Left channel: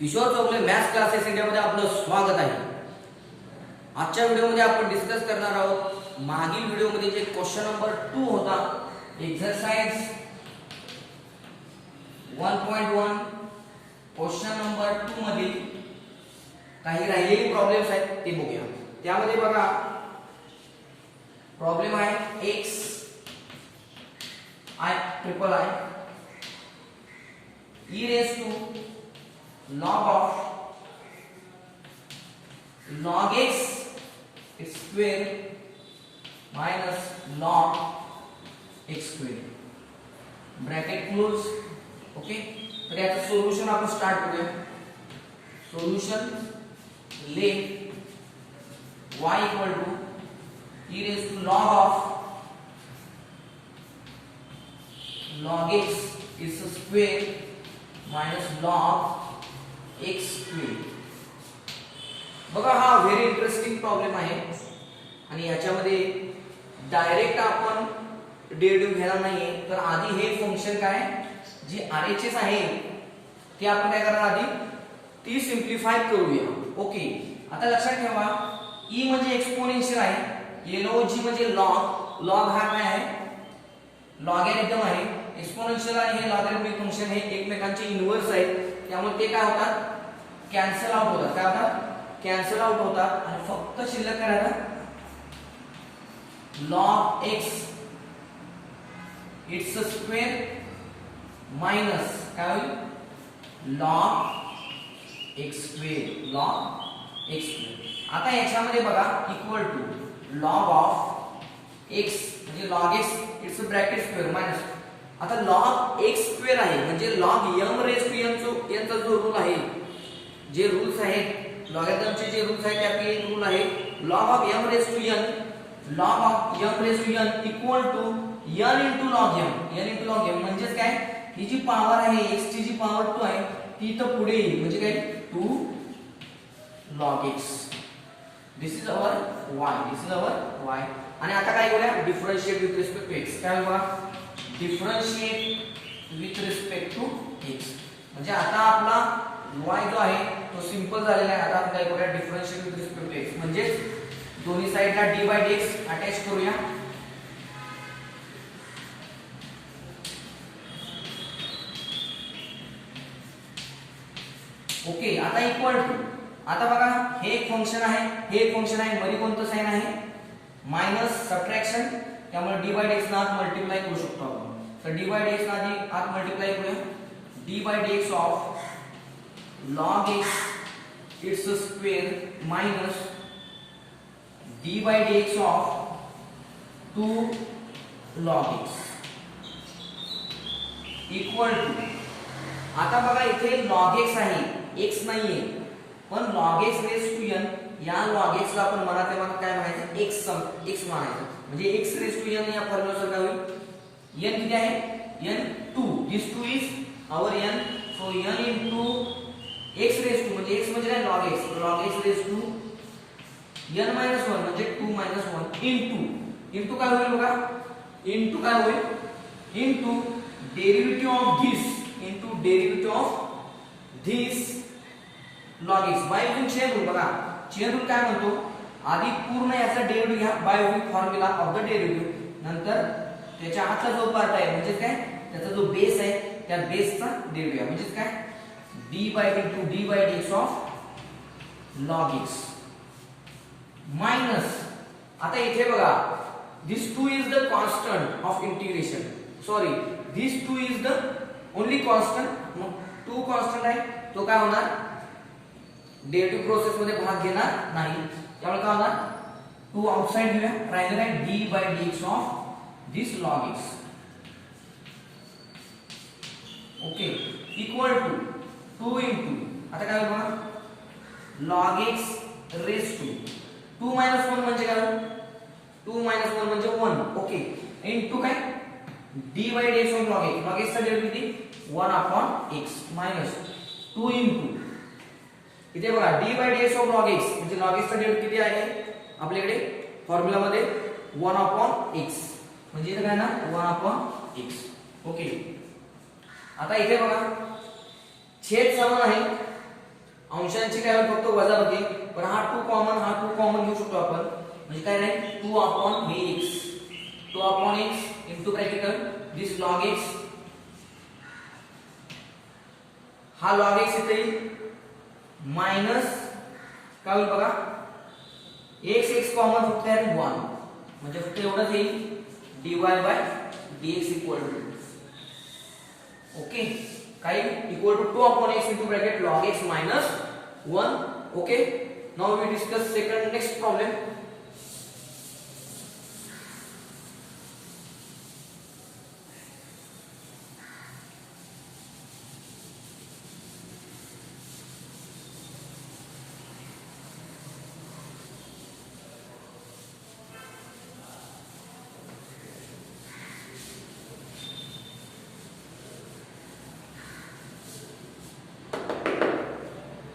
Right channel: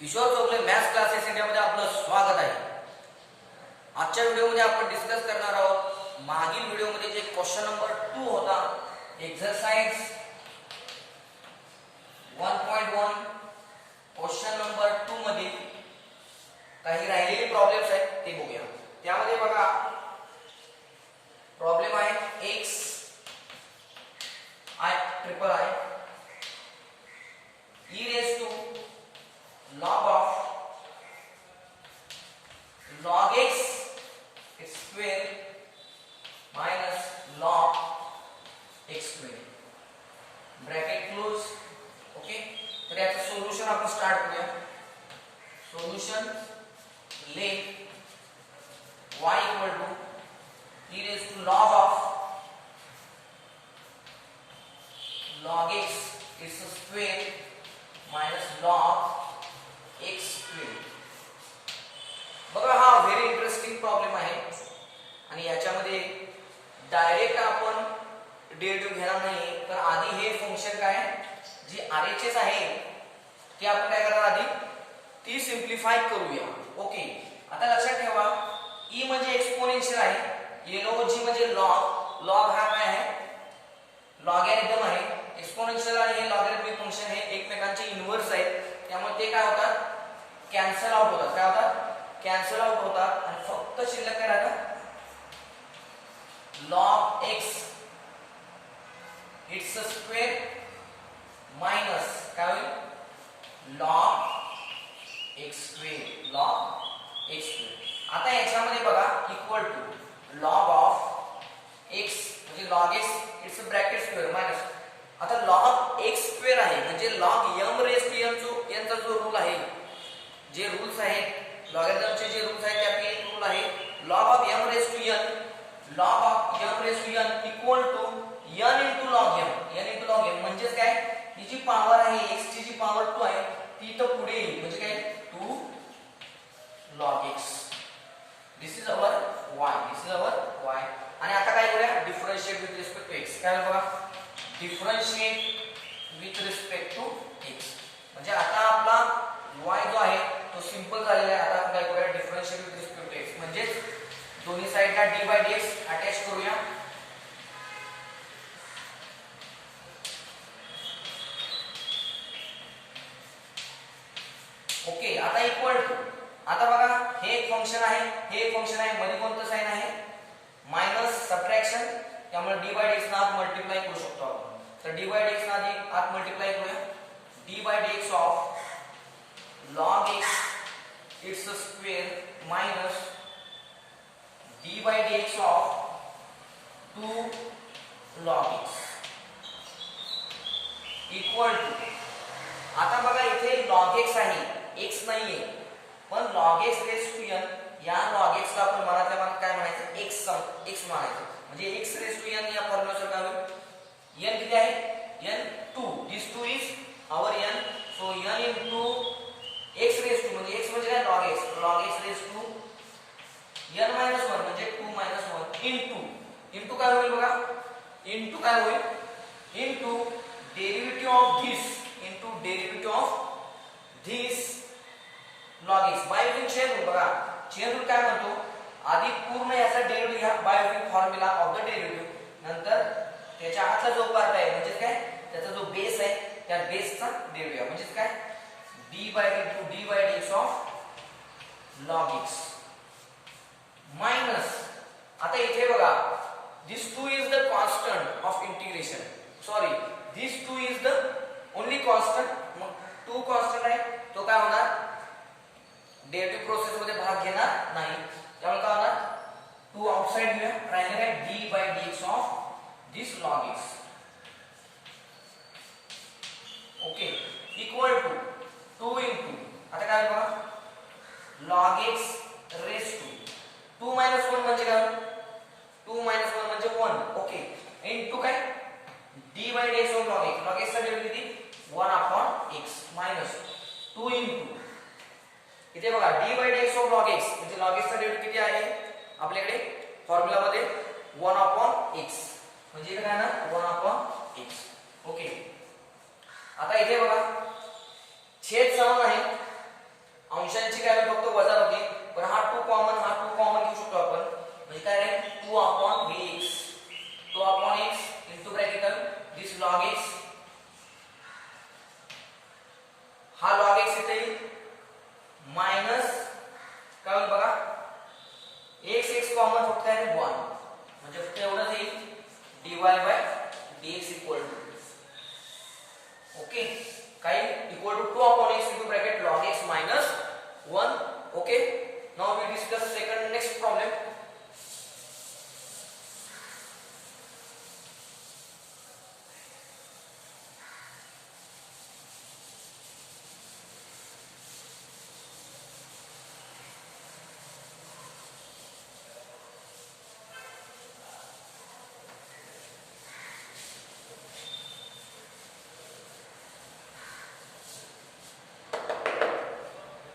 Kishore Chougale maths classes इंडियामध्ये आपलं स्वागत आहे. आजच्या व्हिडिओमध्ये आपण डिस्कस करणार आहोत मागील व्हिडिओमध्ये जे क्वेश्चन नंबर 2 होता एक्सरसाइज 1.1 क्वेश्चन नंबर 2 मध्ये काही राहिलेले प्रॉब्लेम्स आहेत ते बघूया. त्यामध्ये बघा प्रॉब्लेम आहे x I triple I e raised to log x square minus log x square bracket close. Okay, तर याचं सोल्युशन आपण स्टार्ट करूया. Solution let y equal to e raised to log x is square minus log x square. बघा हा very interesting problem आहे आणि याच्यामध्ये direct आपण डेरिव्हेटिव्ह घेणार नाही. तर आधी हे फंक्शन काय जे RHS आहे ते आपण काय करणार आधी ती सिंप्लिफाय करूया. ओके, आता लक्षात ठेवा e म्हणजे एक्सपोनेन्शियल आहे, log म्हणजे लॉग. लॉग हा काय आहे लॉगॅरिथम आहे. एक्सपोनेन्शियल आणि हे लॉगॅरिथमिक फंक्शन हे एकमेकांचे इनव्हर्स आहेत, त्यामुळे ते काय होतात कॅन्सल आउट होतात. काय होतात कॅन्सल आउट होतात आणि फक्त शिल्लक काय राहतात log x it's square minus काय होईल log x square log x square. आता याच्यामध्ये बघा equal to log of x म्हणजे log x it's bracket square minus. आता log x स्क्वेअर आहे म्हणजे log m raise to m यांचा जो रूल आहे, जे रूल्स आहेत लॉगॅरिथमचे जे रूल्स आहेत त्यापैकी एक रूल आहे log of m raise to n. log of m raise to n equal to n into log m. n into log m म्हणजे काय ही जी पॉवर आहे x ची जी पॉवर 2 आहे ती तर पुढे येईल म्हणजे काय 2 log x. This is our y. This is our y. आणि आता काय करूया differentiate with respect to x. काय बघा differentiate with respect to x म्हणजे आता आपला y जो आहे तो सिंपल झालेला आहे. आता आपण काय करूया differentiate with respect to x म्हणजे दोन्ही साइडला d/dx अटॅच करूया. ओके, आता इक्वल टू आता बघा हे एक फंक्शन आहे हे एक फंक्शन आहे मध्ये कोणतं साइन आहे मायनस सबट्रॅक्शन, त्यामुळे d/dx ना आत मल्टिप्लाय करू शकतो आपण. तर d/dx ना आधी आत मल्टिप्लाय करूया. d/dx of log x it's square minus d/dx of 2 log x equal to आता बघा इथे log x आहे x नाहीये पण log x raise to n. या log x ला आपण मराठीमध्ये काय म्हणायचं x म्हणायचं म्हणजे x रेज टू n या फॉर्म्युल्यानुसार काय होईल n किती आहे n 2. This 2 is our n. So n into x raise to म्हणजे x म्हणजे काय log x raise to n minus 1 म्हणजे 2 मायनस 1 इनटू काय होईल बघा इनटू काय होईल into derivative of this log x bye using chain rule. बघा चेन रूल काय म्हणतो आधी पूर्ण याचा डेरिव्हेटिव्ह घ्या bye using formula of the derivative, नंतर त्याच्या आतला जो पार्ट आहे म्हणजे काय त्याचा जो बेस आहे त्या बेसचा डेरिव्हेटिव्ह म्हणजे काय d/dx of log x minus. आता इथे बघा दिस 2 is the constant of integration. Sorry this 2 is the only constant. मग 2 कॉन्स्टंट आहे तो काय होणार डेरिव्हेटिव्ह प्रोसेस मध्ये भाग घेणार नाही, त्यामुळे काय होणार 2 आउटसाइड घेऊया. राहिले काय d/dx of this log x. Okay equal to 2 into आता काय बघा log x raise to 2 minus 1 म्हणजे काय 2 मायनस 1 म्हणजे 1. ओके इनटू काय d/dx of log x. log x चा डेरिव्हेटिव्ह किती 1/x मायनस 2 इनटू इथे बघा d/dx ऑफ log x म्हणजे log x चा डेरिव्हेटिव्ह किती आहे आपल्याकडे फॉर्म्युला मध्ये 1/x म्हणजे इथे काय ना 1/x. ओके आता इथे बघा छेद समान आहे फंक्शनची काय होईल फक्त वजाबाकी, पण हा 2 कॉमन घेऊ शकतो आपण, म्हणजे काय राहील 2 अपॉन हे x, 2 upon x into bracket this log x, हा लॉग x इथे येईल मायनस काय होईल बघा x कॉमन फक्त आहे 1, म्हणजे फक्त एवढंच येईल dy by dx equal to okay काय equal to 2 upon x into bracket log x minus 1. Okay, now we discuss next problem.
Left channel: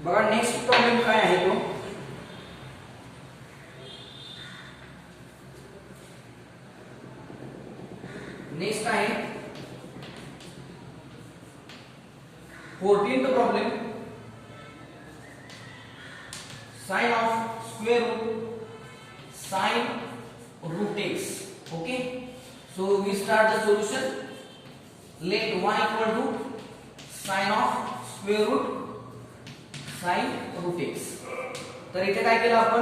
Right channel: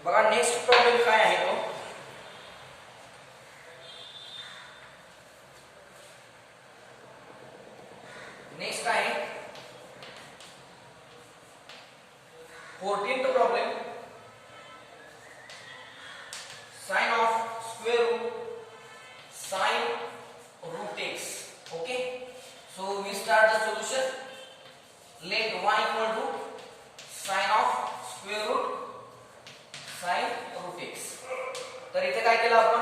बघा नेक्स्ट प्रॉब्लेम काय आहे तो, नेक्स्ट आहे 14th problem, sine of square root sine root x. Okay, so we start the solution. Let y equal to sine of square root sine root x. तर इथे काय केलं आपण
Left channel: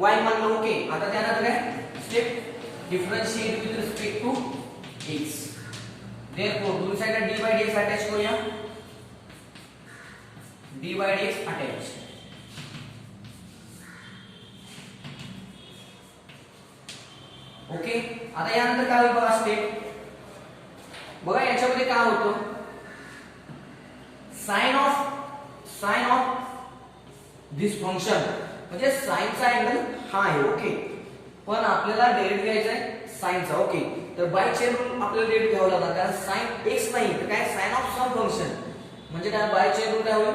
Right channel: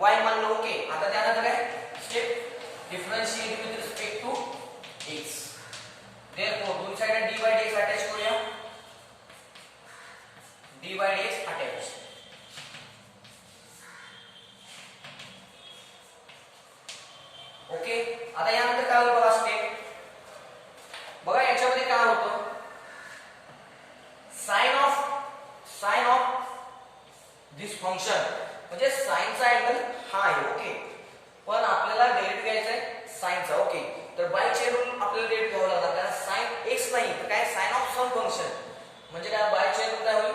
y मानलं. ओके, आता त्यानंतर काय step differentiate with respect to x. Therefore दोन साइडला d बाय dx अटॅच करूया, d by dx attach. Okay, आता यानंतर काय होईल बघा स्टेप. बघा याच्यामध्ये काय होतं, साइन ऑफ दिस फंक्शन म्हणजे साइनचा अँगल हा आहे. ओके, पण आपल्याला डेरिव्हेटिव्ह घ्यायचा आहे साइनचा. ओके, तर बाय चेन रूल आपल्याला डेरिव्हेटिव्ह घ्यावं लागणार, कारण साइन x नाही तर काय साइन ऑफ सम फंक्शन, म्हणजे काय बाय चेन रूल काय होईल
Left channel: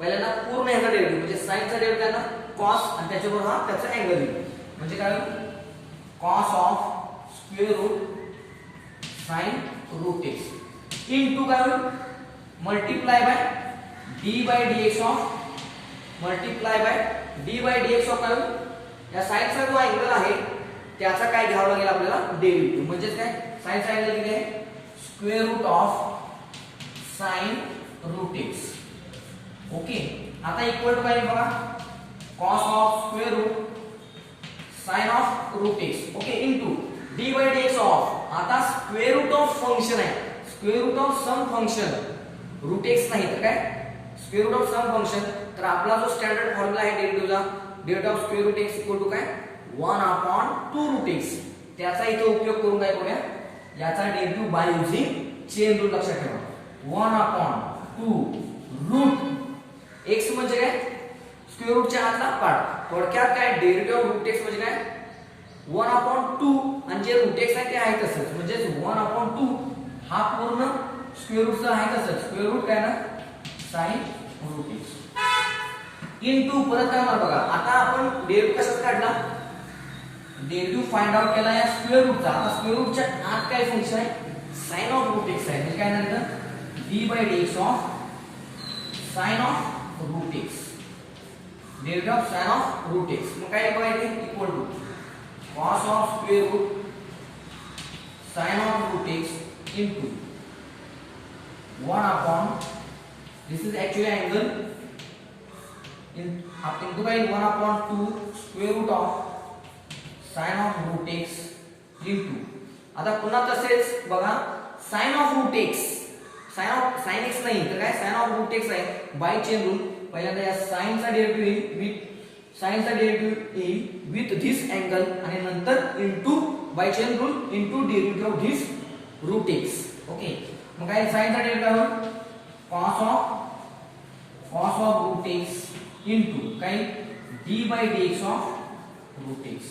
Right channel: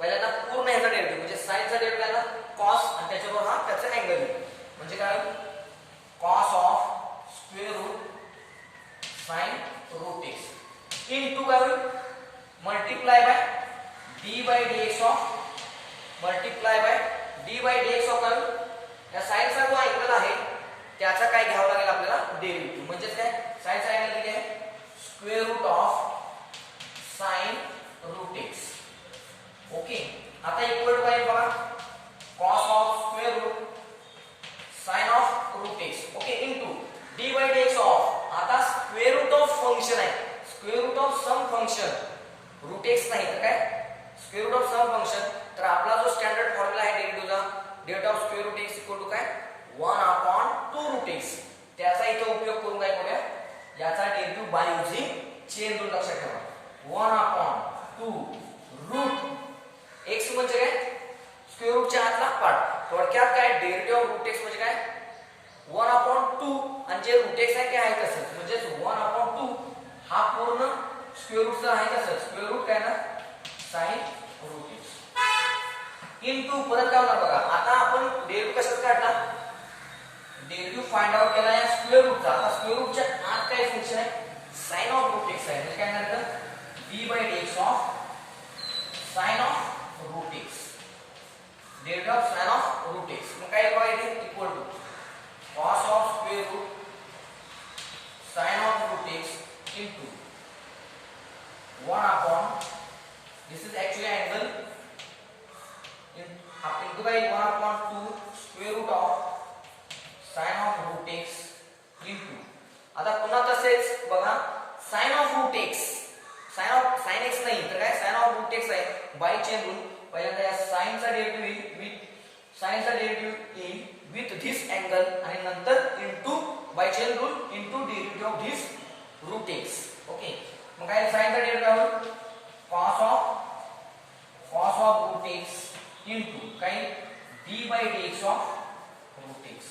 पहिल्यांदा पूर्ण ह्याचा डेरिव्हेटिव्ह म्हणजे साइनचा डेरिव्हेटिव्ह आहे ना cos, आणि त्याच्याबरोबर हा त्याचा अँगल येईल, म्हणजे काय cos of square root sine root x into काय होईल multiply by d by dx of multiply by d by dx of काय या साइनचा जो अँगल आहे त्याचा काय घ्यावं लागेल आपल्याला डेरिव्हेटिव्ह, म्हणजे काय साइनचा अँगल किती आहे square root of sine root x. Okay, आता इक्वल टू काय बघा cos of square root sine of root x. Okay, into d by dx of, आता स्क्वेअर रूट ऑफ फंक्शन आहे, square root of some function root x नाही तर काय square root of some function. तर आपला जो स्टँडर्ड फॉर्म्युला आहे डेरिव्हेटिव्हला डेट of square root x equal to काय 1 अपॉन 2 रूट x, त्याचा इथे उपयोग करून काय करूया याचा derivative bye using chain rule लक्षात ठेवा. 1 अपॉन 2 रूट x म्हणजे काय स्क्वेअर रूटच्या आतला पार्ट, थोडक्यात काय डेरिव्हेटिव्ह ऑफ रूट x म्हणजे काय 1 अपॉन 2, आणि जे रूट x आहे ते आहे तसंच, म्हणजे 1 अपॉन 2 हा पूर्ण स्क्वेअर रूटचा आहे तसंच, स्क्वेअर रूट काय ना साइन रूट x इनटू परत काय होणार बघा. आता आपण डेरिव्हेटिव्ह कशात काढला, डेरिव्हेटिव्ह फाइंड आउट केला या स्क्वेअर रूटचा. आता स्क्वेअर रूटच्या आत काय फंक्शन आहे साइन ऑफ रूट x आहे, म्हणजे काय नंतर d by dx of sine of root x, derivative of sine of root x. मग काय बघायचे equal to cos of square root sine of root x into 1 upon this is actually angle into by 1 upon 2 square root of sin of root x into, आता पुन्हा तसेच बघा sin of root x, sin x नाही तर काय sin of root x आहे by chain rule. पहिल्यांदा या sin चा डेरिव्हेटिव्ह विथ sin चा डेरिव्हेटिव्ह येईल विथ धिस अँगल, आणि नंतर into by chain rule into derivative of this root x. ओके, मग काय sin चा डेरिव्हेटिव्ह आहे cos of root x into काय d by dx of root x.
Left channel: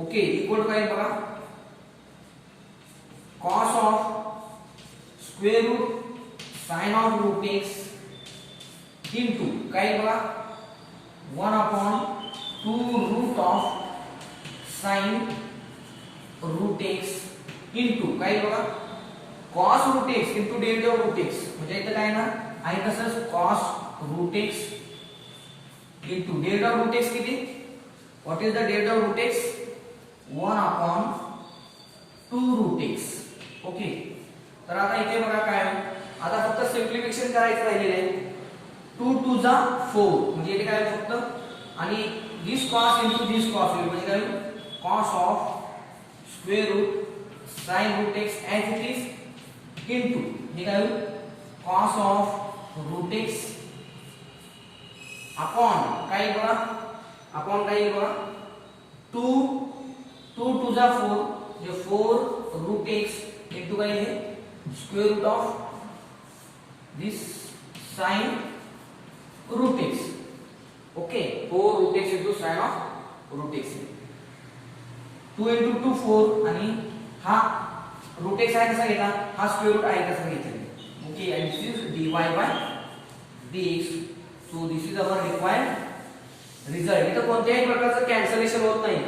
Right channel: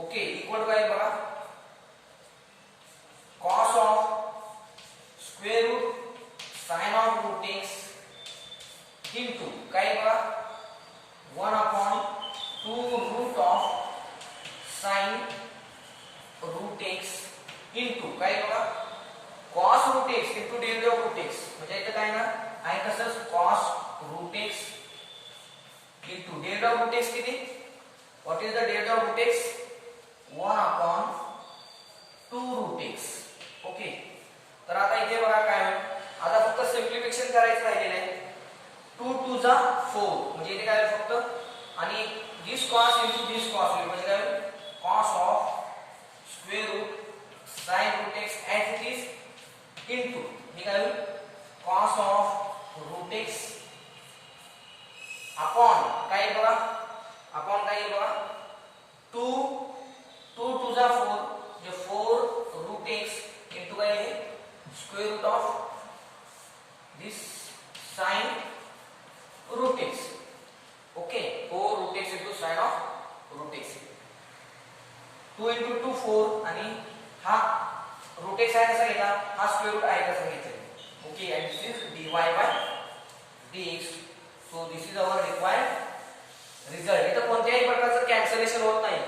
Okay, equal to काय बघा cos of square root sine of root x into काय बघा 1 upon 2 root of sine root x into काय बघा cos root x into derivative of root x, म्हणजे इथं काय ना आहे तसंच cos root x into derivative of root X किती? What is the derivative of root X? 1/2 route x. Okay, तर आता इथे बघा काय आहे, आता फक्त सिम्प्लिफिकेशन करायचं राहिलेलं आहे. 2 टू जा 4 म्हणजे इथे काय फक्त, आणि this cos into this cos म्हणजे काय, cos of square root sine root x as it is into हे काय होईल, cos of root x upon काय बघा, अपॉन काय बघा, 2 टू जा 4 म्हणजे 4 रूट एक्स इंटू काय आहे, square root of this sine root x. Okay, 4 root x into sine of root x. 2 into 2 4 आणि हा रूट एक्स आहे कसा घेतला, हा स्क्वेअर रूट आहे कसा घेतला. Okay, and this is dy by dx. So this is our required result. इथं कोणत्याही प्रकारचं कॅन्सलेशन होत नाही.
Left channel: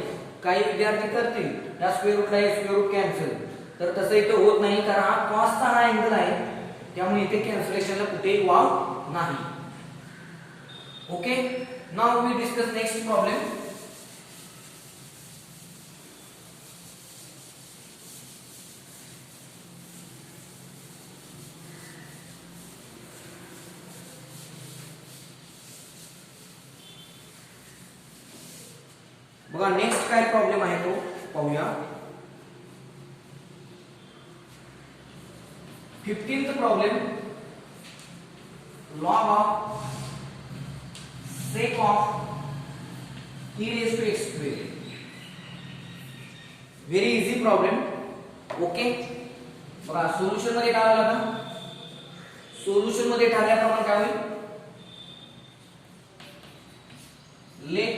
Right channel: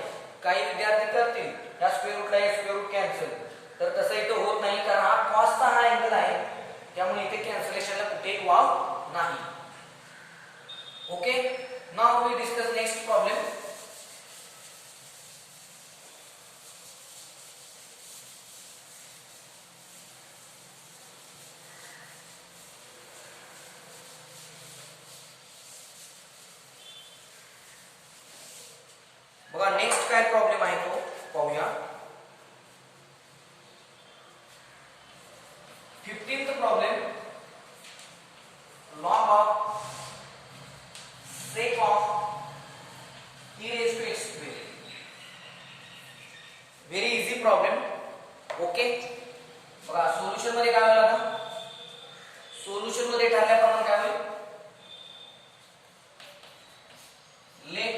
काही विद्यार्थी करतील या स्क्वेअर रूटला हे स्क्वेअर रूट कॅन्सल, तर तसं इथं होत नाही, कारण हा कॉसचा हा अँगल आहे, त्यामुळे इथे कॅन्सलेशनला कुठेही वाव नाही. Okay, now we discuss next problem. बघा नेक्स्ट काय प्रॉब्लेम आहे तो पाहूया. 15th problem, log of sec of e raised to x square. Very easy problem. Okay, बघा सोल्युशन मध्ये काय होईल, आता सोल्युशन मध्ये ठरल्याप्रमाणे काय होईल, let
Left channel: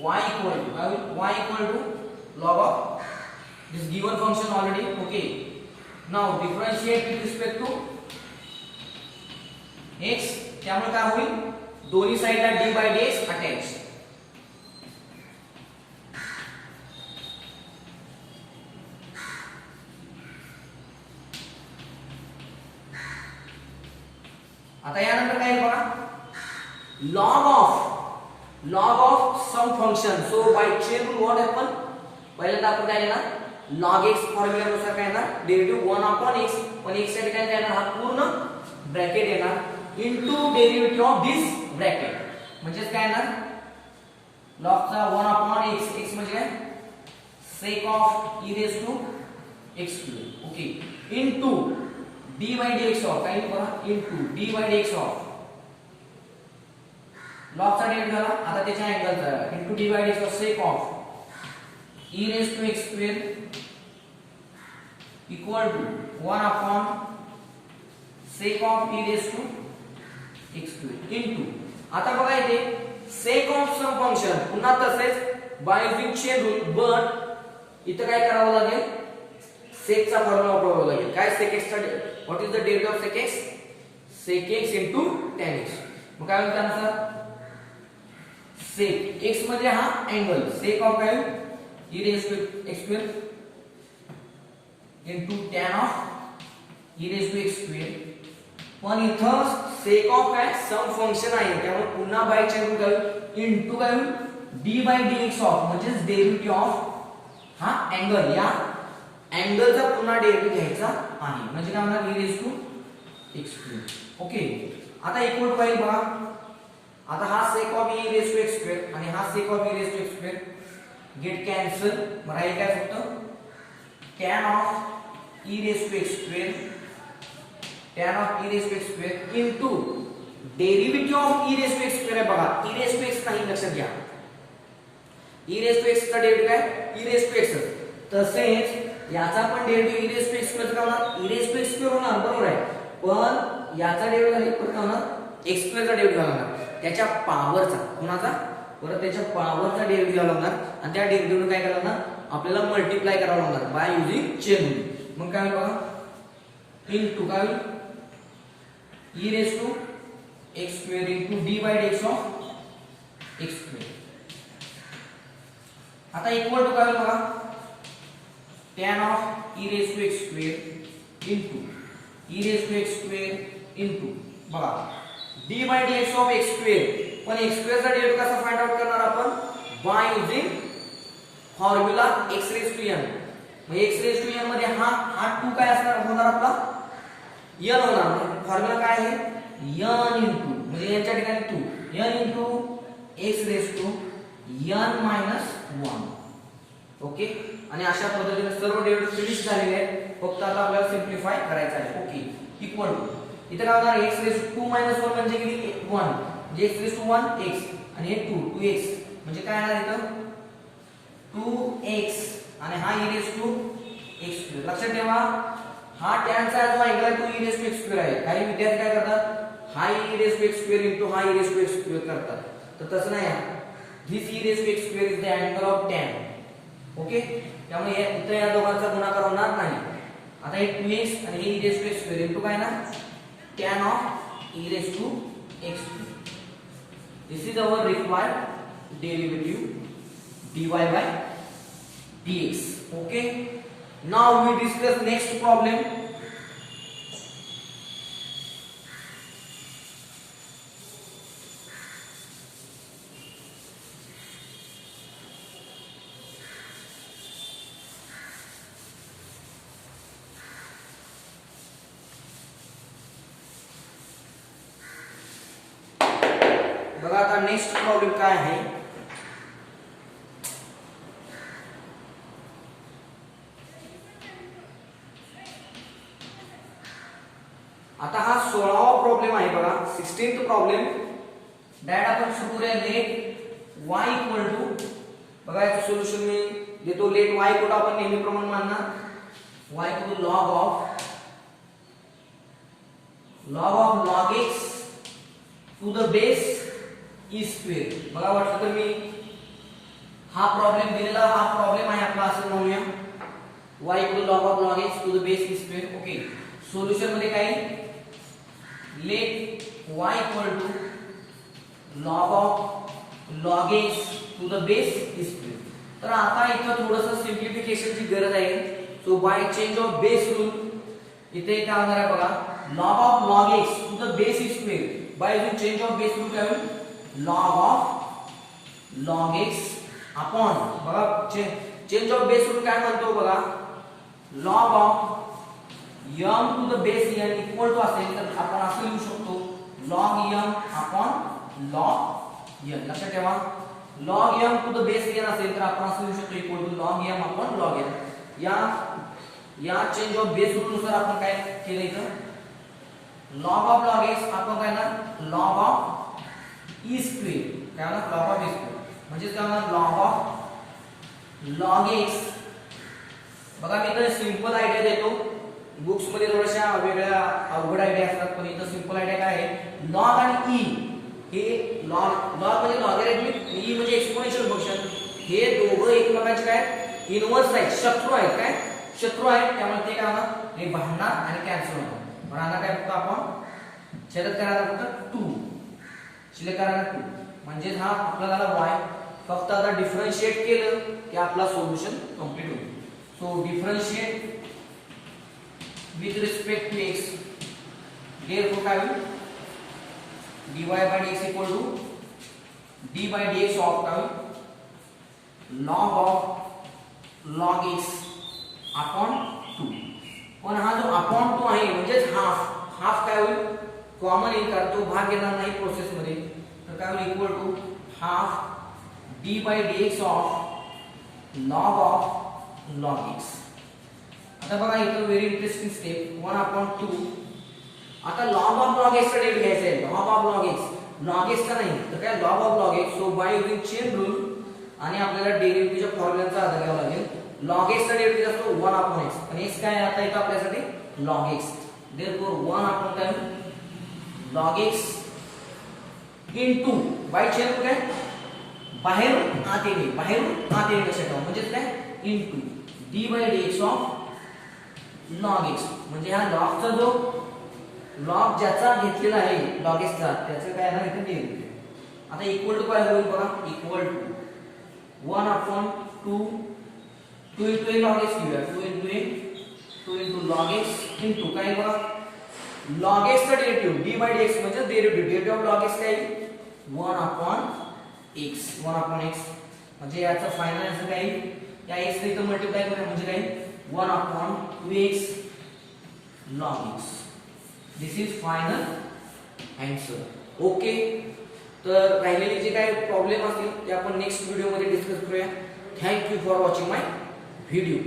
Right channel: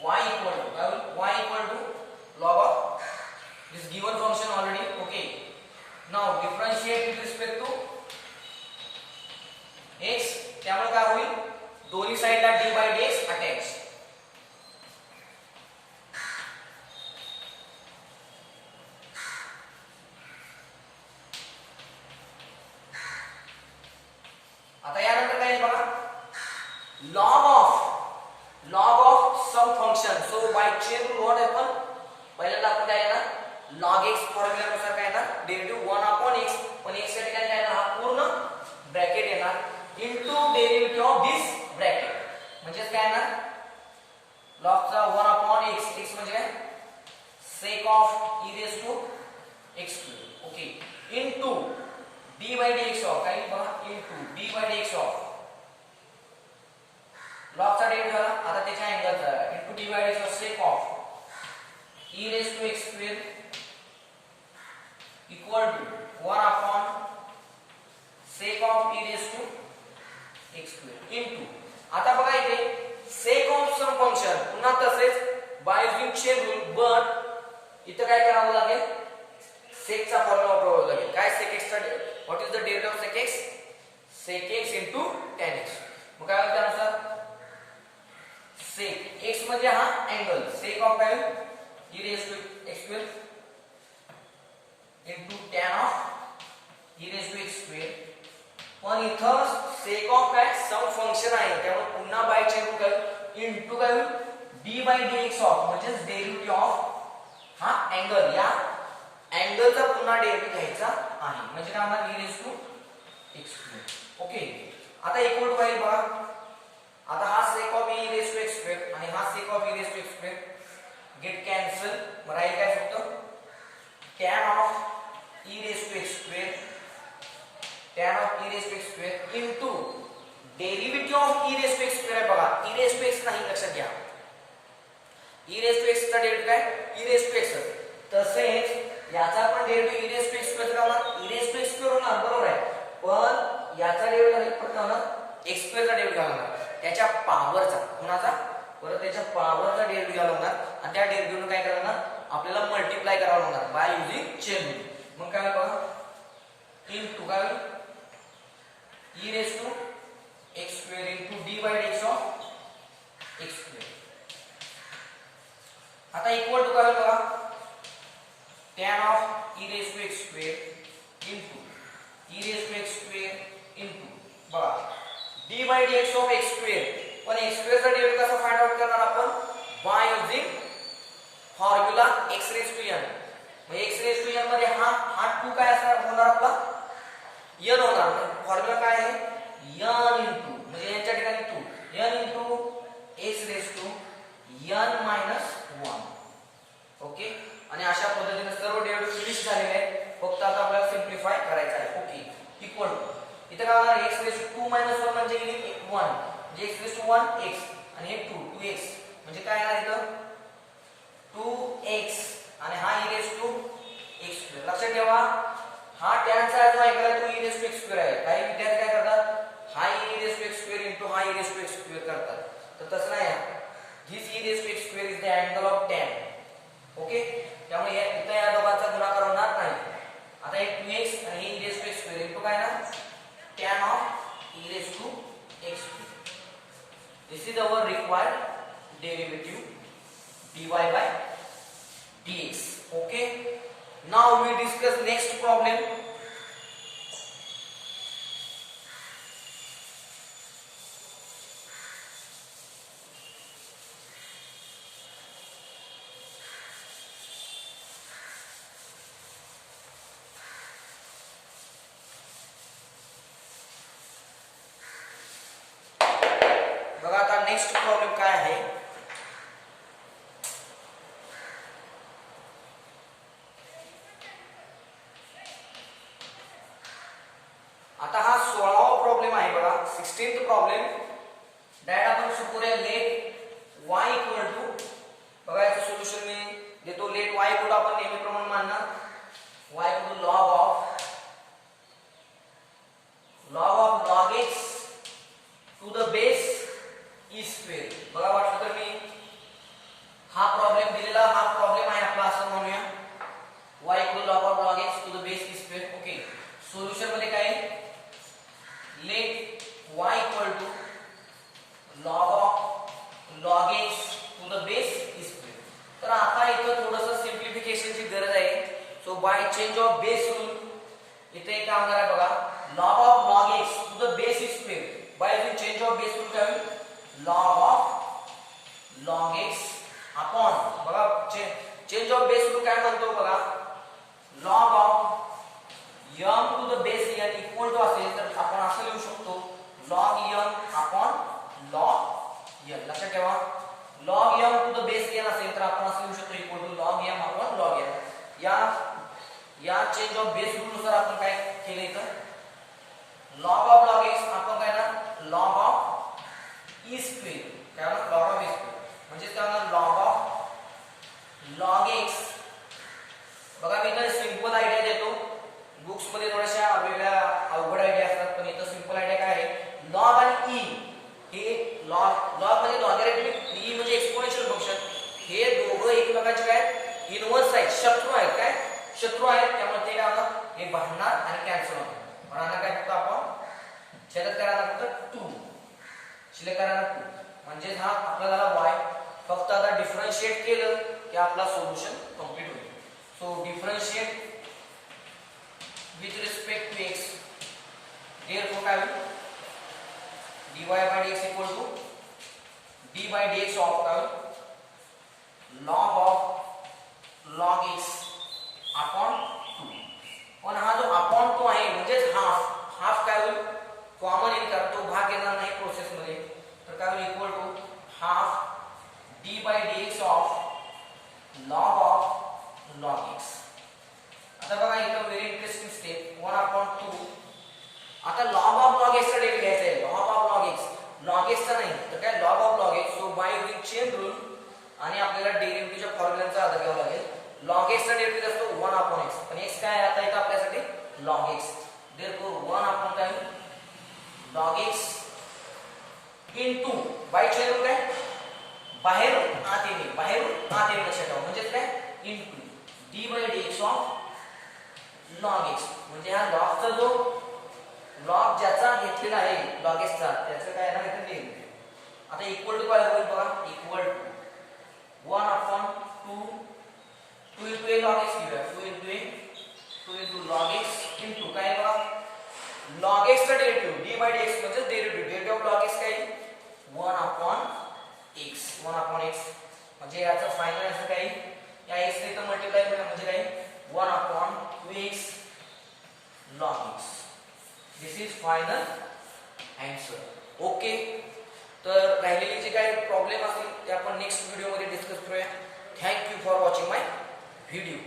y equal to y equal to log of this given function already. Okay, now differentiate with respect to x. त्यामुळे काय होईल, दोन्ही साइडला d by dx अटॅच. आता यानंतर काय बघा, log of some function. So by chain rule what happen, पहिल्यांदा आपण काय येणार, log x फॉर्म्युला नुसार काय येणार, डेरिव्हेटिव्ह 1/x, पण x साठी काय येणार, हा पूर्ण ब्रॅकेट येणार into derivative of this bracket, म्हणजे काय येणार, log चा 1/x, x म्हणजे काय, sec of e raised to x cube. Okay, into d by dx of काय बघा, into d by dx of log चा डेरिव्हेटिव्ह झाला, आता त्याच्या अँगलचा into D by DX of sec of e raise to x square equal to 1 sec of e raise to x square into, आता बघा इथे सेक ऑफ सम फंक्शन, पुन्हा तसेच by using chain rule, but इथे काय करावं लागेल, सेक चा फॉर्म्युला वापरावा लागेल. काय सेक एक्स चा, what is the derivative of sec x, sec x into tan x. मग काय होईल त्यानुसार, सेक x मध्ये हा अँगल सेक ऑफ काय e raise to x square into tan of e raise to x square, पण इथं सेक ऑफ काय सम फंक्शन आहे, त्यामुळे पुन्हा बाय चेन रूल काय इनटू काय होईल, d बाय dx ऑफ म्हणजे डेरिव्हेटिव्ह ऑफ हा अँगल, या अँगलचा पुन्हा डेरिव्हेटिव्ह घ्यायचा आहे, म्हणजे काय होणार, e raise to x square. Okay, आता इक्वल टू काय बघा, आता हा sec of e raised to x square आणि हा sec of e raised to x square get cancel, मग राहील काय फक्त tan of e raised to x square, tan of e raised to x square into derivative of e raised to x square आहे बघा, e raised to x नाही, लक्षात घ्या, e raised to x चा डेरिव्हेटिव्ह काय, e raised to x. तसेच याचा पण derivative e raised to x square का होणार, e raised to x square होणार, बरोबर आहे, पण याचा डेरिव्हेटिव्ह झाला पण काय होणार, x स्क्वेअर चा डेरिव्हेटिव्ह होणार, त्याच्या पॉवरचा, कुणाचा, परत त्याच्या पॉवरचा डेरिव्हेटिव्ह लागणार, आणि त्या डेरिव्हेटिव्हने काय करावं लागणार, आपल्याला मल्टिप्लाय करावं लागणार बाय युजिंग चेन रूल. मग काय बघा, इनटू काय होईल, e raise to x square into d by dx of x square. आता इक्वल टू काय होईल बघा, tan of e raise to x square into e raise to x square into बघा d by dx of x square, पण x² चा derivative कसा find out करणार आपण by using formula x raise to n. म्हणजे x raise to n मध्ये हा 2 काय असणार होणार आपला n होणार. फॉर्म्युला काय आहे n इंटू म्हणजे याच्या ठिकाणी 2 n into x raise to n minus 1. Okay. आणि अशा पद्धतीने सर्व डेरिव्हेटिव्ह फिनिश झालेले आहेत. फक्त आता आपल्याला सिम्प्लिफाय करायचं आहे. ओके इक्वल टू इथे काय होणार x रेज टू 2 मायनस 1 म्हणजे किती 1 म्हणजे x रेज टू 1 x आणि हे 2x म्हणजे काय आहे इथं 2x आणि हा e रेज टू x². लक्षात ठेवा हा tan चा जो अँगल आहे तो e रेज टू x² आहे. काही विद्यार्थी काय करतात हा e raise to x² into हा e रेज टू x² करतात. तर तसं नाही this e raise to x² is the angle of tan. Okay. त्यामुळे इथे या दोघांचा गुणाकार होणार नाही. आता हे 2x आणि हे e raise to x² into काय ना tan of e raised to x². This is our required derivative dy by dx. Okay. Now we discuss next problem. बघा आता नेक्स्ट प्रॉब्लेम काय आहे. आता हा 16वा प्रॉब्लेम आहे बघा 16th प्रॉब्लेम. डायरेक्ट आपण सुरू करूया. लेट y इक्वल टू बघा याचं सोल्युशन मी देतो. लेट y इक्वल आपण नेहमीप्रमाणे मानणार y equal log of log x to the base e². बघा वाटलं तर मी हा प्रॉब्लेम दिलेला हा प्रॉब्लेम आहे आपला असं म्हणूया y equal log of log x to the base e². Okay. Solution मध्ये काय let y equal to log of log x to the base e². तर आता इथं थोडंसं सिम्प्लिफिकेशनची गरज आहे. So by change of base rule इथे काय होणार आहे बघा log of log x to the base e². By using change of base rule काय होईल log of log x upon बघा चेंज ऑफ बेस रूल काय म्हणतो बघा log of m to the base n equal to असेल तर आपण असं लिहू शकतो log m upon log n. लक्षात ठेवा log m to the base n असेल तर आपण असं लिहू शकतो equal to log m upon log n. या चेंज ऑफ बेस रूल नुसार आपण काय केलं इथं log of log x आपण काय ना log of e². काय ना log of e² म्हणजे काय ना log of log x. बघा मी इथे सिंपल आयडिया देतो. बुक्स मध्ये थोड्याशा वेगळ्या अवघड आयडिया असतात पण इथं सिंपल आयडिया काय आहे log आणि e हे log म्हणजे लॉगॅरिथमिक e म्हणजे एक्सपोनेन्शियल फंक्शन हे दोघं एकमेकांचे काय इनव्हर्स आहेत शत्रू आहेत. काय शत्रू आहेत त्यामुळे ते काय होणार हे भांडणार आणि कॅन्सल होणार. भांडणार काय फक्त आपण छेदत करायला फक्त 2 शिल्लक करायला 2 म्हणजे हा आपल्याला y फक्त आता डिफरन्शिएट केलं की आपला सोल्युशन कंप्लीट होईल. So differentiate with respect to x therefore काय होईल dy by dx equal to d by dx of काय होईल log of log x upon 2. पण हा जो अपॉन 2 आहे म्हणजे हाफ काय होईल कॉमन येणार तो भाग येणार नाही प्रोसेस मध्ये तर काय होईल equal to half d by dx of log of log x. आता बघा इथं व्हेरी इंटरेस्टिंग स्टेप 1/2. आता log of log x चा डेट घ्यायचा आहे. log of log x log x चा नाही तर काय log of log x. So bye using chain rule आणि आपल्याला डेरिव्हेटिव्हच्या फॉर्म्युलाचा आधार घ्यावा लागेल. log x चा डेरिव्हेटिव्ह असतो 1/x पण x काय आता इथं आपल्यासाठी log x. देयरफॉर 1 काय log x into by chain rule काय बाहेरून आत येणे लक्षात ठेवा म्हणजे काय into d by dx of log x म्हणजे हा log चा जो log ज्याचा घेतलेला आहे log x चा त्याचं काय आहे इथे डेरिव्हेटिव्ह. आता इक्वल टू काय होईल बघा equal to 1/2 2 into log x घेऊया 2 into log x into काय बघा log x चा डेरिव्हेटिव्ह d by dx म्हणजे डेरिव्हेटिव्ह ऑफ log x काय 1/x 1/x म्हणजे याचा फायनल आन्सर काय येईल? या x ने इथं मल्टिप्लाय करूया म्हणजे काय 1/2x log x. This is final answer. Okay, तर राहिलेले जे काही प्रॉब्लेम असतील ते आपण नेक्स्ट व्हिडिओ मध्ये डिस्कस करूया. Thank you for watching my video.